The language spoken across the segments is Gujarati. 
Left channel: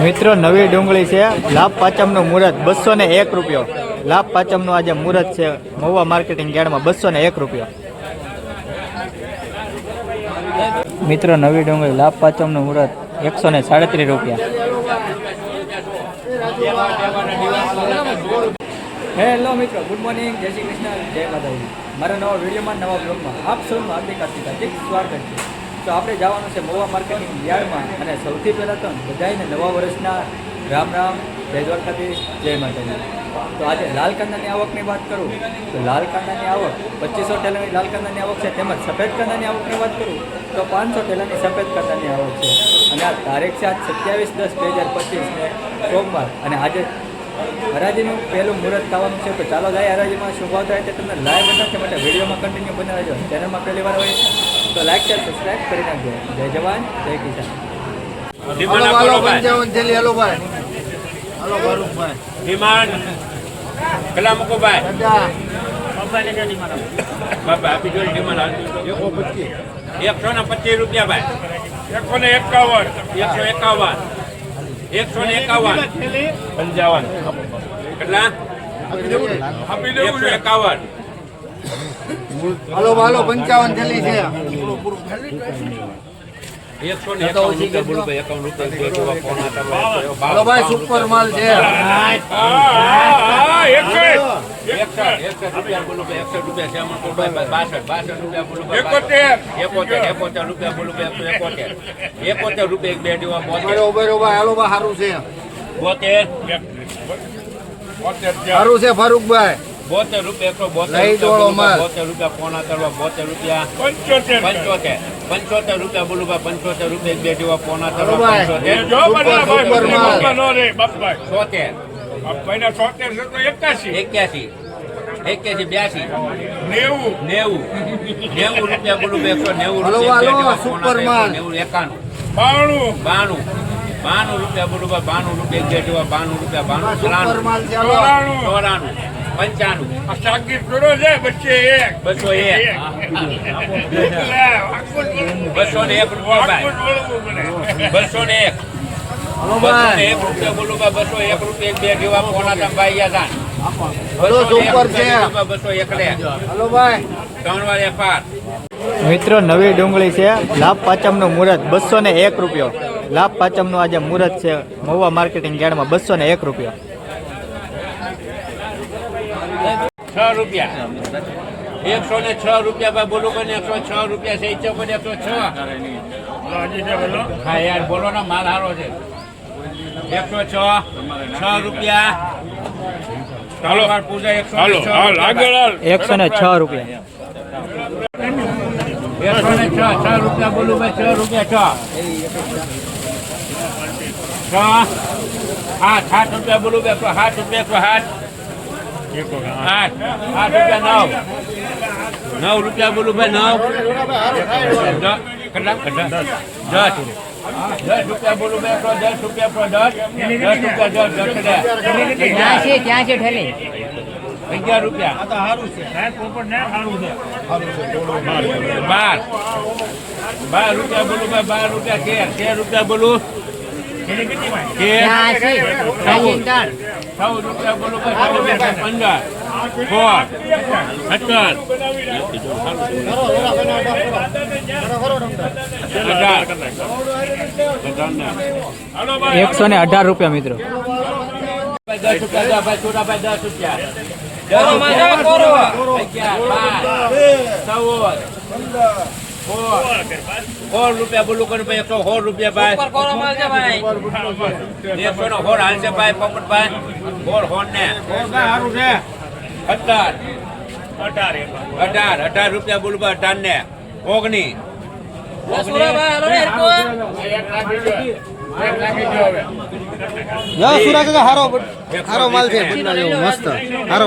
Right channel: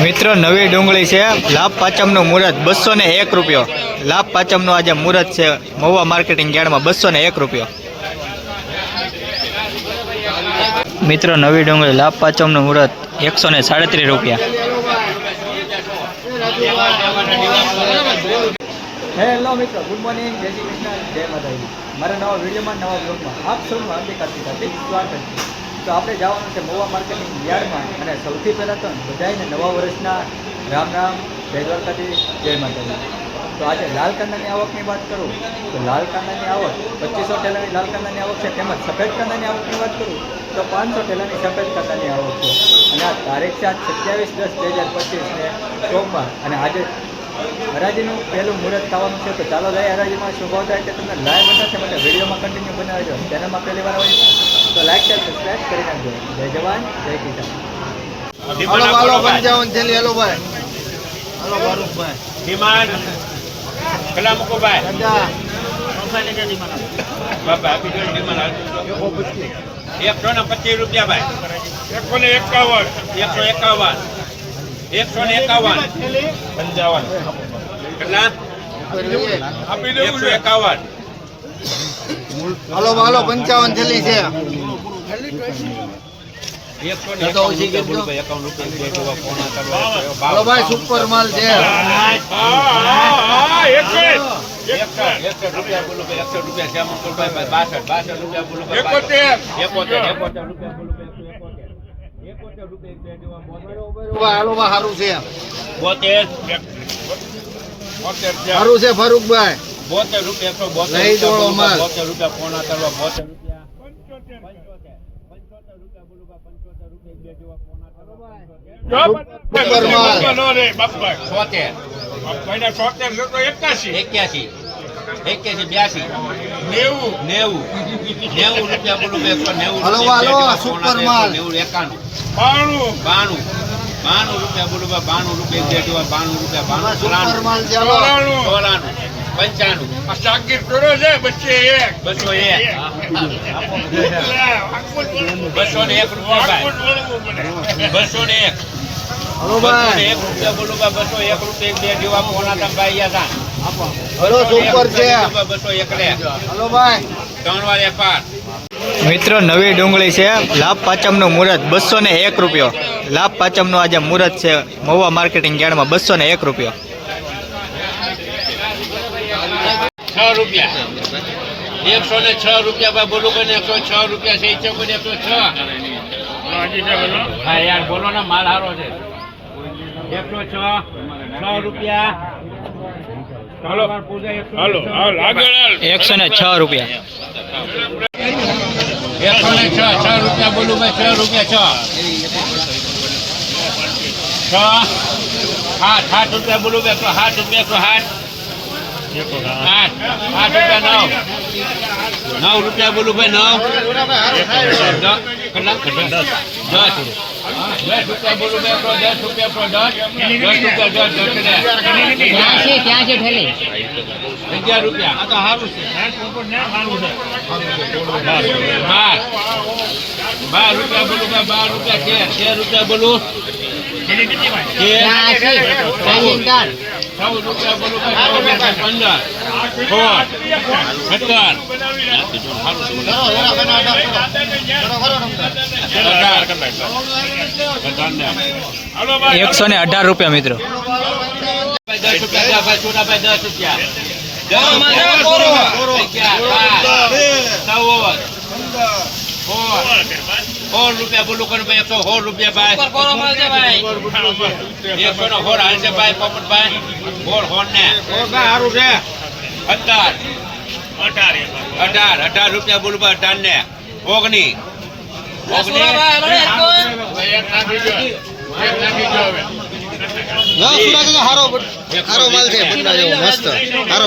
મિત્રો, નવી ડુંગળી છે. લાભ પાંચમનું મુહૂર્ત બસો ને એક રૂપિયો. લાભ પાંચમનું આજે મુહૂર્ત છે. મહુવા માર્કેટિંગ યાર્ડમાં બસો ને એક રૂપિયો. મિત્રો, નવી ડુંગળી, લાભ પાંચમનું મુહૂર્ત એકસો ને સાડત્રીસ રૂપિયા. હેલો મિત્રો. ગુડ મોર્નિંગ જય શ્રી કૃષ્ણ. જય માતાજી. મારા નવા વિડીયોમાં, નવા બ્લોગમાં આપ સૌનું હાર્દિક હાર્દિક હાર્દિક સ્વાગત છે. તો આપણે જવાનું છે મોવા માર્કેટિંગ યાર્ડમાં અને સૌથી પહેલાં તો બધાને નવા વર્ષના રામ રામ, જય દ્વારકાધીશ, જય માતાજી. તો આજે લાલ કાંદાની આવકની વાત કરું, તો લાલ કાંદાની આવક પચીસો ટેલાની લાલ કાંદાની આવક છે, તેમજ સફેદ કાંદાની આવકની વાત કરું, તો પાંચસો ટેલાની સફેદ કાંદાની આવક છે. અને આ તારીખ છે આજ સત્યાવીસ દસ બે હજાર પચીસને સોમવાર. અને આજે હરાજીનું પહેલું મુહૂર્ત થવાનું છે, તો ચાલો જાય હરાજીમાં. શું ભાવ થાય તે તમને લાઈવ બતાવશે, માટે વિડીયોમાં કન્ટિન્યુ બનાવજો. ચેનલમાં પહેલી વાર હોય તો લાઈક શેર સબસ્ક્રાઇબ કરી નાખજો. જય જવાન જય કિસાન. હાલો હાલો પંચાવન થેલી. હાલો ભાઈ. હાલો ફારૂકભાઈ ડિમાન્ડ પેલા મૂકો ભાઈ દાદા બાપા આપી દો ડિમાન્ડ એકસો ને પચીસ રૂપિયા ભાઈ. એકસો ને એકાવન. એકસો એકાવન. એકસો ને એકાવન. પંચાવન. કેટલા? એકસો એકાવન. હાલો હાલો પંચાવન થેલી છે. હાલો ભાઈ સુપર માલ છે. સારું છે ફારૂકભાઈ. બોતેર રૂપિયા એકસો બોતેર લઈ દોડો માલ. બોતેર રૂપિયા પોણા તળવા બોતેર રૂપિયા પંચોતેર પંચોતેર રૂપિયા બોલું ભાઈ પંચોતેર રૂપિયા એક બે જેવા પોણા તળવા પંચોતેર. છોતેર એક્યાસી એક્યાસી બ્યાસી નેવું. નેવું. નેવું રૂપિયા બોલું એકસો નેવું રૂપિયા. નેવું એકાણું. બાણું. બાણું. બાણું રૂપિયા બોલું બાણું રૂપિયા એક બે જેવા બાણું રૂપિયા બાણું ચોરાણું. ત્રાણું ચોરાણું બસો એક. બસો એક. ભાઈ. બસો ને એક. બસો ને રૂપિયા બોલું બસો રૂપિયા બે જેવા ભાઈ હતા? મિત્રો નવી ડુંગળી છે. લાભ પાંચમનું મુહૂર્ત બસો ને એક રૂપિયો. લાભ પાંચમનું આજે મુહૂર્ત છે મહુવા માર્કેટિંગ યાર્ડમાં બસો ને એક રૂપિયો. છ રૂપિયા. એકસો ને છ રૂપિયા ભાઈ બોલું કે એકસો છ રૂપિયા છે ઈચ્છો કોઈ એકસો છ. હા યાર બોલો ને માલ સારો છે. એકસો છ છ રૂપિયા. એકસો ને છ રૂપિયા. એકસો ને છ રૂપિયા. એકસો ને છ છ રૂપિયા બોલું ભાઈ છ રૂપિયા છ. છ સાત આઠ રૂપિયા બોલું એકસો આઠ રૂપિયા એકસો આઠ આઠ આઠ રૂપિયા નવ નવ રૂપિયા બોલું ભાઈ નવ કેટલા દસ દસ રૂપિયા બોલું ભાઈ દસ રૂપિયા એકસો દસ રૂપિયા દસ દસ એટલે અગિયાર રૂપિયા બાર બાર રૂપિયા બોલું ભાઈ બાર રૂપિયા તેર તેર રૂપિયા બોલું ચૌદ રૂપિયા બોલું ભાઈ ચૌદ રૂપિયા પંદર સોળ સત્તર અઢાર એકસો ને અઢાર રૂપિયા મિત્રો. દસ રૂપિયા ભાઈ છોટાભાઈ દસ રૂપિયા. દસ રૂપિયા બોલું કરું ભાઈ એકસો સોળ રૂપિયા ભાઈ. એકસો નો હોર હાલશે ભાઈ. પોપટભાઈ હોર હોર ને સારું છે અઢાર. અઢાર અઢાર રૂપિયા બોલું ભાઈ અઢાર ને ઓગણી સારો માલ છે. મસ્ત. સારો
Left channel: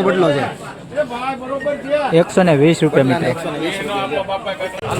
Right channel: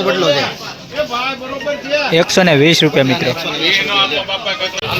એકસો ને વીસ રૂપિયા મિત્રો.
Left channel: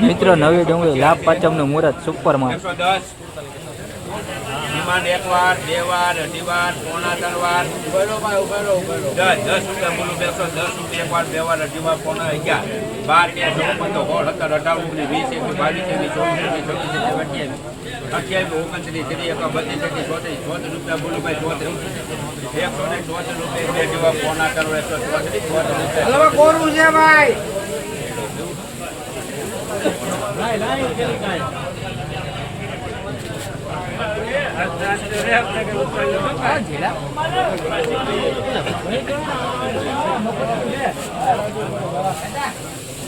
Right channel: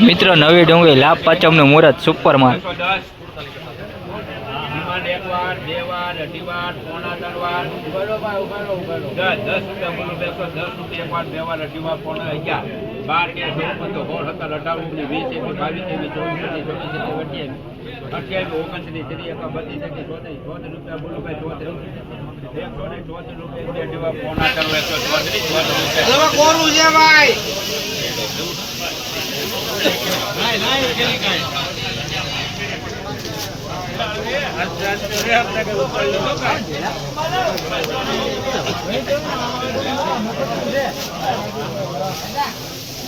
મિત્રો નવી ડુંગળી લાભ પાંચમનું મુહૂર્ત છવ્વીસ સત્યાવીસ અઠ્યાવીસ ઓગણત્રીસ ત્રીસ એક બત્રીસ તેત્રીસ ચોત્રીસ ચોત્રીસ રૂપિયા બોલું ચોત્રીસ એકસો ને ચોત્રીસ રૂપિયા જેવા પોણા ત્રણ એકસો ચોત્રીસ ચોત્રીસ રૂપિયા કોરું છે ભાઈ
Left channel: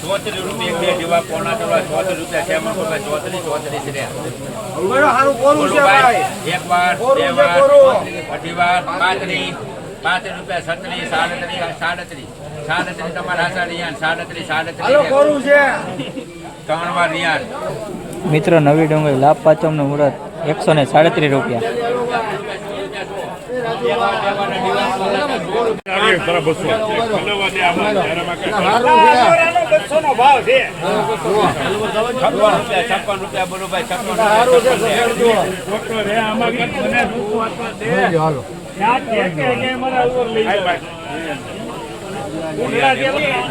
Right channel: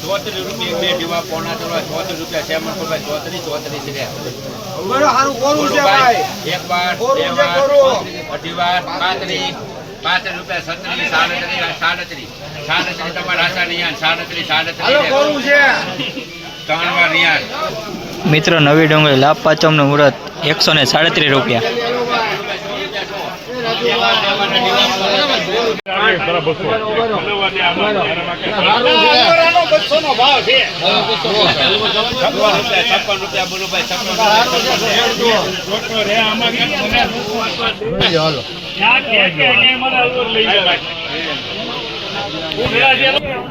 ચોત્રીસ રૂપિયા બે ડીવા પોણા ત્રણ ચોત્રીસ રૂપિયા સેમન કરવા ચોત્રીસ ચોત્રીસ રહ્યા એક વાર બે વાર. અઢી વાર પાંત્રીસ પાંત્રીસ રૂપિયા સત્રીસ સાડત્રીસ સાડત્રીસ. સાડત્રીસ તમારા આશા રિયાન સાડત્રીસ સાડત્રીસ. મિત્રો નવી ડુંગળી લાભ પાંચમનું મુહૂર્ત એકસો ને સાડત્રીસ રૂપિયા.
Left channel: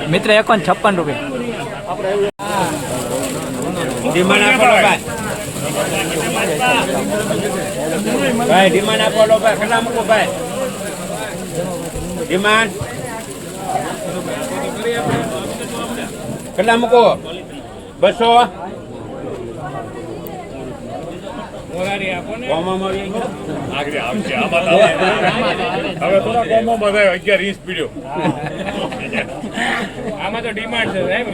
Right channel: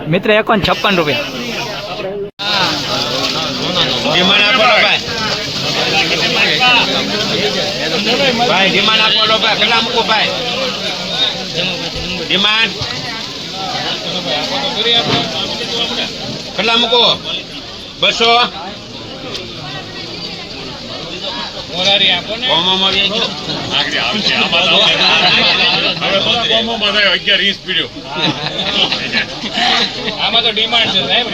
મિત્ર એકોન છપ્પન રૂપિયા. ડિમાન્ડ આપો ભાઈ ભાઈ ડિમાન્ડ આપો લો ભાઈ. કેટલા મૂકો ભાઈ. ડિમાન્ડ કેટલા મૂકો. બસો. આમાં તો ડિમાન્ડ છે સાહેબ.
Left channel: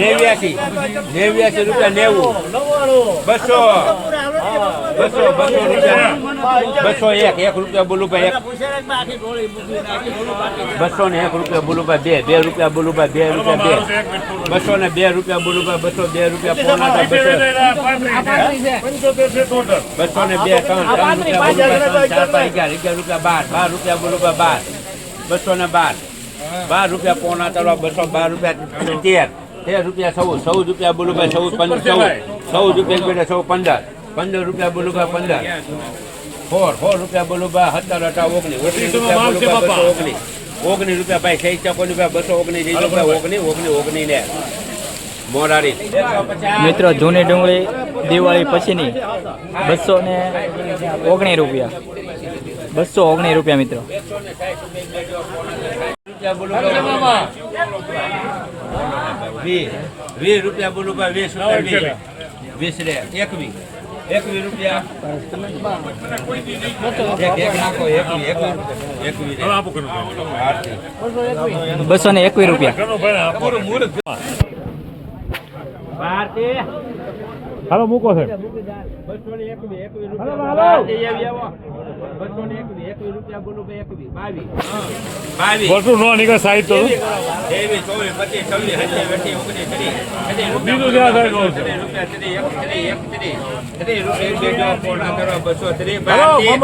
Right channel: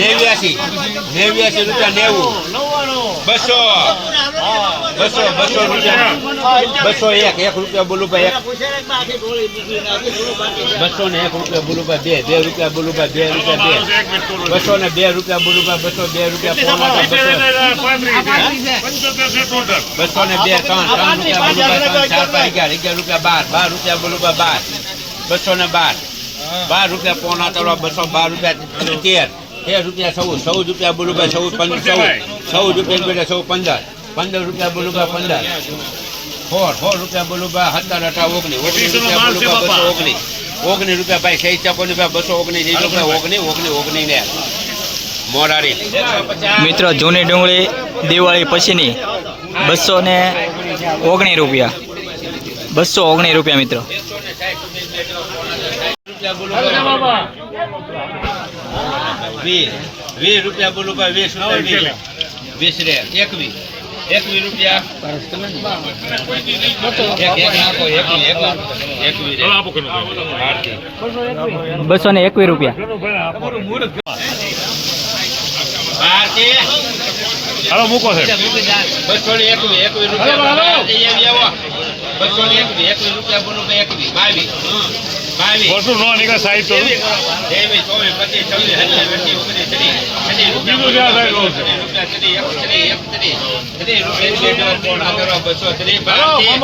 નેવ્યાસી. નેવ્યાસી રૂપિયા નેવું. બસો. બસો બસો રૂપિયા. બસો એક. એક રૂપિયા બોલું ભાઈ એક. બસો ને એક રૂપિયા બોલું ભાઈ બે બે રૂપિયા બોલું ભાઈ બે રૂપિયા બે. બસો ને બે રૂપિયા બોલું ભાઈ બસો બે રૂપિયા પોણા બસો ને બે, ત્રણ અગિયાર રૂપિયા બાર બાર રૂપિયા બોલું ભાઈ બાર. બસો ને બાર. બાર રૂપિયા પોણા તળવા બસો બાર રૂપિયા તેર. તેર રૂપિયા સૌ ચૌદ રૂપિયા બોલું સૌ પંદર સૌ સૌ રૂપિયા બોલે સૌ પંદર. પંદર રૂપિયા બોલું ભાઈ પંદર. સોળ સોળ રૂપિયા બોલું ભાઈ હતા હતા ઓગણીસ ઓગણીસ રૂપિયા બોલું ભાઈ બસો ઓગણીસ ઓગણીસ રૂપિયા ભાઈ સહી ચકોની ભાઈ બસો ઓગણીસ એ રૂપિયા ઓગણીસ ઓગણીસ ઓગણીસ ને. મોરારી. મિત્રો જૂની ડુંગળી દિવાળી પછીની બસો ને ઓગણીસ રૂપિયા. બસો ઓગણીસ રૂપિયા મિત્રો. વીસ વીસ રૂપિયા બોલું ભાઈ વીસ રૂપિયા વીસ. વીસ રે એકવીસ. એકવીસ રૂપિયા. બસો ને એકવીસ રૂપિયા. હાલો મૂકો છે. બસો ને એકવીસ એકવીસ રૂપિયા ભારતી આવી આવો. બસો ને એકવીસ એકવીસ રૂપિયા બોલું ભાઈ એકવીસ બાવીસ. બાવીસ. વર્ષો નો નીકળે સાઈડ તો. ત્રેવીસ ચોવીસ પચીસ છવ્વીસ સત્યાવીસ અઠ્યાવીસ ઓગણીસ ત્રીસ. ત્રીસ રૂપિયા બીજું જ્યાં થાય બોલો, ત્રીસ રૂપિયા ત્રીસ એક ત્રીસ એક ત્રીસ. ત્રીસ રૂપિયા બે કરો બસો ત્રીસ ભારતી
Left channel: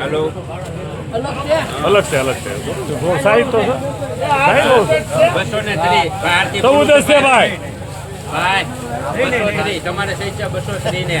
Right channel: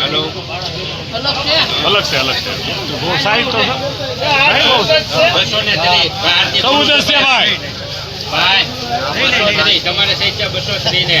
હાલો. અલગ છે? અલગ છે તો. છે? બસો ને ત્રીસ છે ભાઈ. તમારે સહિત બસો ત્રીસ ને.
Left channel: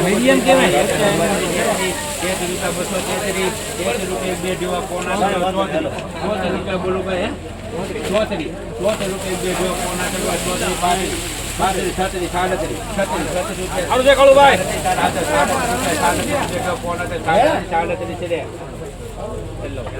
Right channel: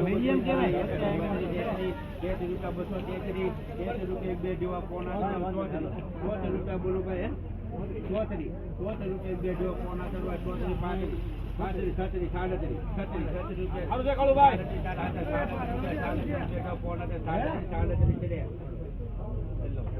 મીડિયમ કેવાય એક રૂપિયા બસો તેત્રીસ એક રૂપિયા બે ડેવા પોણા રૂપિયા બોલું કહે ચોત્રીસ ચોત્રીસ રૂપિયા બે ડેવા પોણા ચોત્રીસ પાંત્રીસ પાંત્રીસ છત્રીસ સાડત્રીસ છત્રીસ છત્રીસ રૂપિયા સાડત્રીસ સાડત્રીસ સાડત્રીસ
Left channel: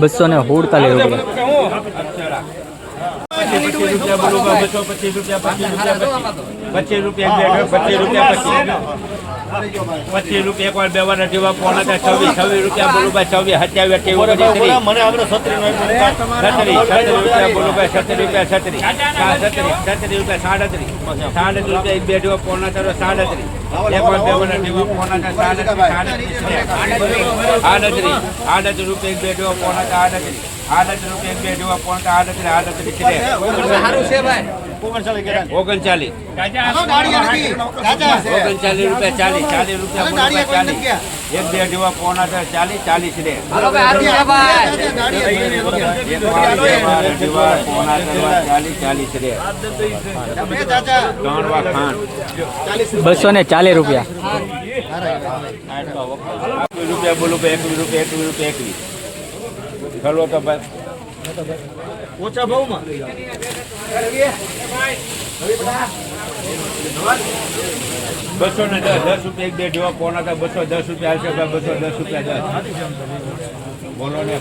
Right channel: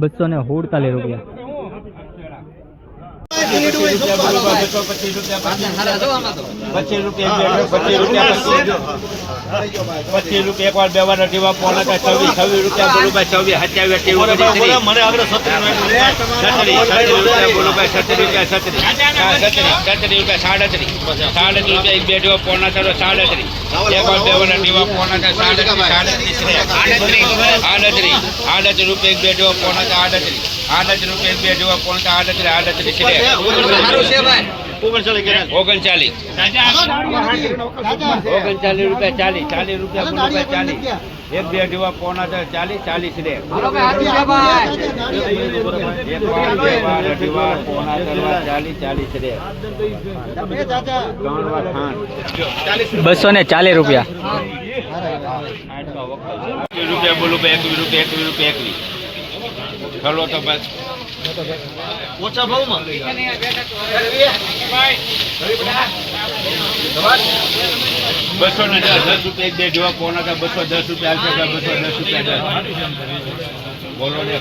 બસો ને સુડતાલીસ રૂપિયા. પચીસ રૂપિયા પચીસ રૂપિયા પચીસ રૂપિયા એક વાર બે વાર અઢી વાર પોણા થાય છવ્વીસ છવ્વીસ રૂપિયા બોલો ભાઈ છવ્વીસ સત્યાવીસ અઠ્યાવીસ છત્રીસ છત્રીસ રૂપિયા બોલો ભાઈ છત્રીસ રૂપિયા સાડત્રીસ. સાડત્રીસ રૂપિયા એક બે અઢી વાર પોણા ચાલો સાડત્રીસ. એક વાર બે વાર અઢી વાર પોણા સાડત્રીસ આડત્રીસ આડત્રીસ રૂપિયા એક બે અઢી વાર પોણા આડત્રીસ. આડત્રીસ રૂપિયા એક બે અઢી વાર પોણા આડત્રીસ આડત્રીસ છે ઓગણચાલીસ ઓગણચાલીસ. રૂપિયા ચાલીસ ચાલીસ રૂપિયા બોલો ચાલીસ. એક બે અઢી પોણા થાય ચાલીસ ચાલીસ રે એક અઢી પોણા ચાલીસ ચાલીસ રે. બસો ને ચાલીસ રૂપિયા. રૂપિયા બોલું એકવીસ રૂપિયા એકવીસ રૂપિયા એકવીસ ચલો તો બસ ઓછા ભાવમાં. બસો ને દસ રૂપિયા દે જેવા પોણા થાય બસો દસ રૂપિયા આવશે, બસો દસ રૂપિયા બોલો ને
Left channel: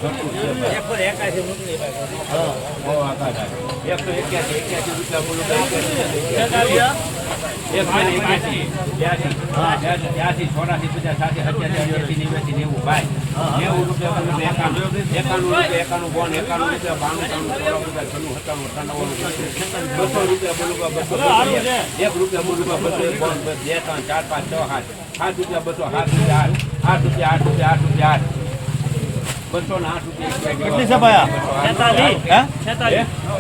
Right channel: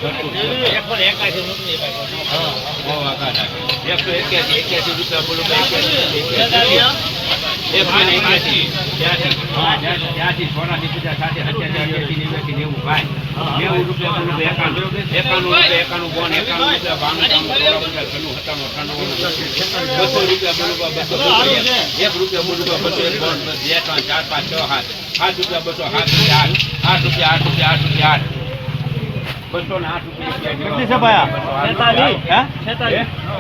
એક રૂપિયા બોલું બસો એક બોન બે ત્રણ ચાર પાંચ છ સાત સાત રૂપિયા બસો સાત રૂપિયા આઠ આઠ રૂપિયા આઠ રૂપિયા આઠ રૂપિયા આઠ બસો ને આઠ રૂપિયા કેટલી છે ભાઈ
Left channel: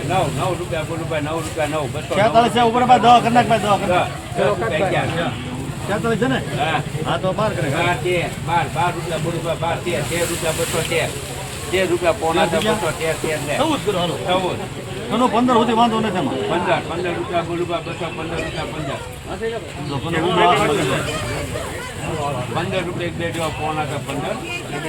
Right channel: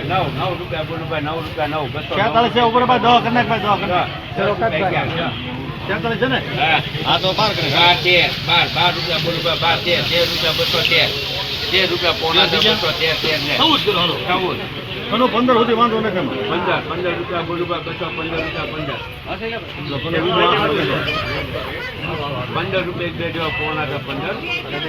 નવ નવ રૂપિયા બોલું ભાઈ નવ રૂપિયા નવ. બસો છેતાલીસ છે ઉપર. દસ રૂપિયા છે ને? હા. હા તો બાર કરે બાર તેર બાર બાર રૂપિયા બોલું ભાઈ બાર તેર તેર રૂપિયા બસો તેર. તેર રૂપિયા પોણા તેર બસો તેર તેર ને. ચૌદ કરો ચૌદ. એનો પંદર સુધી વાંધો નથી. પંદર પંદર રૂપિયા બોલું ભાઈ બસો પંદર રૂપિયા પંદર પંદર રૂપિયા બે જેવા પોણા કે પંદર પંદર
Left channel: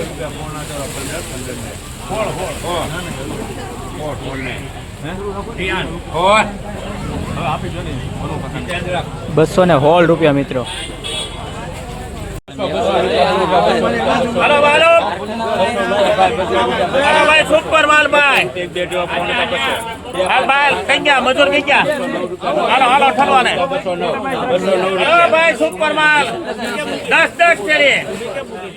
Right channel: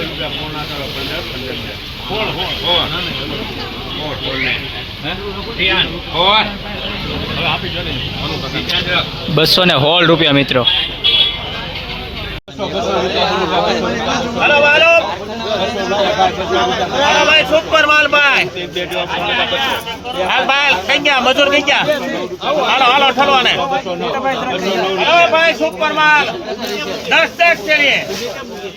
રૂપિયા પોણા કે પંદર પંદર ને. હોળ, હોળ, હોળ. હોળ, હોળ ને. હોળ. બસો ને સોળ રૂપિયા મિત્રો હાલો હાલો હાલો ભાઈ સુપર માલ ભાઈ. હાલ ભાઈ કઈ મજૂર કઈ ગયા. હાલો હાલો ઠરવાને ભાઈ સુપર માલ. દસ દસ ચડીએ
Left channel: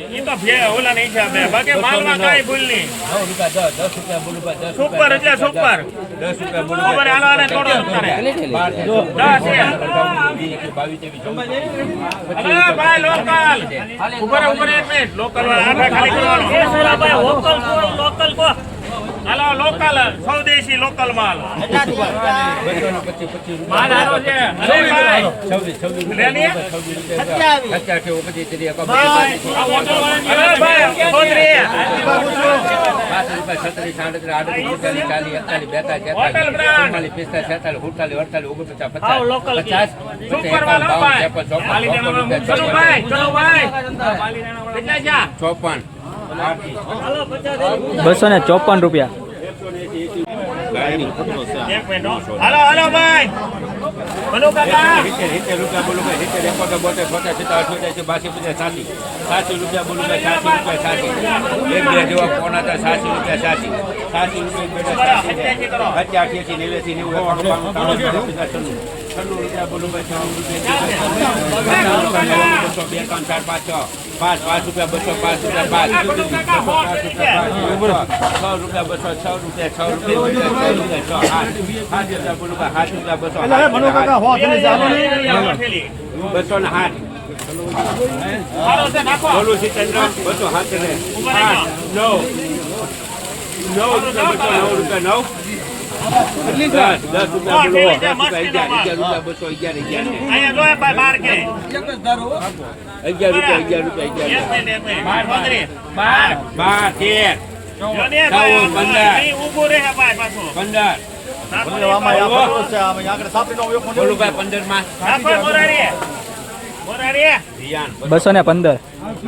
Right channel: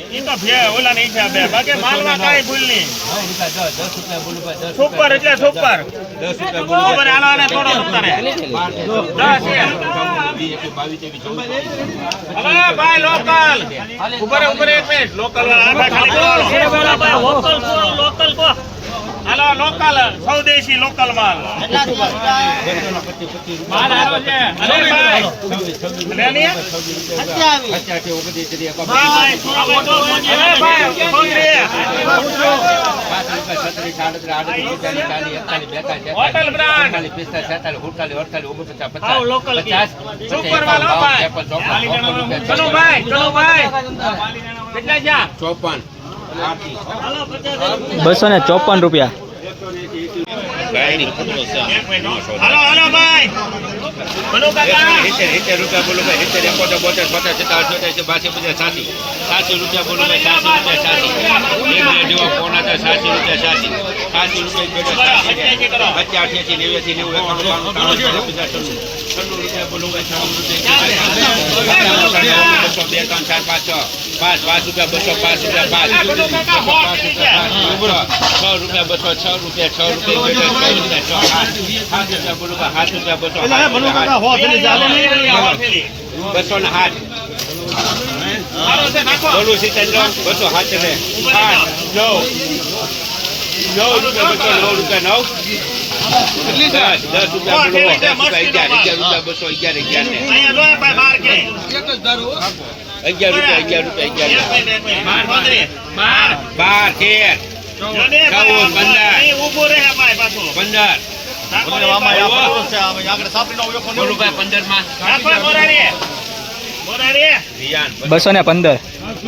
ઈ તો ઓલા નહીં છે બે બાકી માલમાં કાંઈ ભૂલ નહીં રૂપિયા દસ દસ રૂપિયા બોલું ભાઈ દસ સુપર એટલે સુપર દસ રૂપિયા બોલું સુપર થોડો દસ એ. બાવીસ ત્રેવીસ ચૌદ હાલો ભાઈ લોકલ ઉપર ઉપર એક મિનિટ લોકલ ખાલી કરવાનો એ સુરાભાઈ લોકલ છોડ લોકલ કો હાલો લોકલ સ્વદેશી લોકલ માલ. ચોપન. બસો ને ચોપન રૂપિયા. બોલો કાકા. રૂપિયા બોલો ભાઈ હિતેર એકોતેર બોતેર બોતેર સિત્તેર અઠ્યોતેર બાસી પચાસ સાસી. સાસી રૂપિયા બોલો ભાઈ સાસી રૂપિયા રૂપિયા સાસી. સાસી રૂપિયા હત્યા પાંચ છ. પાંચ પાંચ રૂપિયા બસો પાંચ રૂપિયા પાંચ. પાંચ રૂપિયા પાંચ છ. રૂપિયા બસો છ રૂપિયા છ રૂપિયા છ રૂપિયા છ. આઠ સાત રૂપિયા બોલો ભાઈ સાત રૂપિયા બસો બસો ને આઠ બોલું છે ચંદ્ર. બસો ને નવ. રૂપિયા બસો નવ રૂપિયા નવ. કેટલી દસ રૂપિયા અગિયાર અગિયાર અગિયાર રૂપિયા અગિયાર રૂપિયા બાર. બાર તેર. પંદર. પંદર. બસો ને પંદર.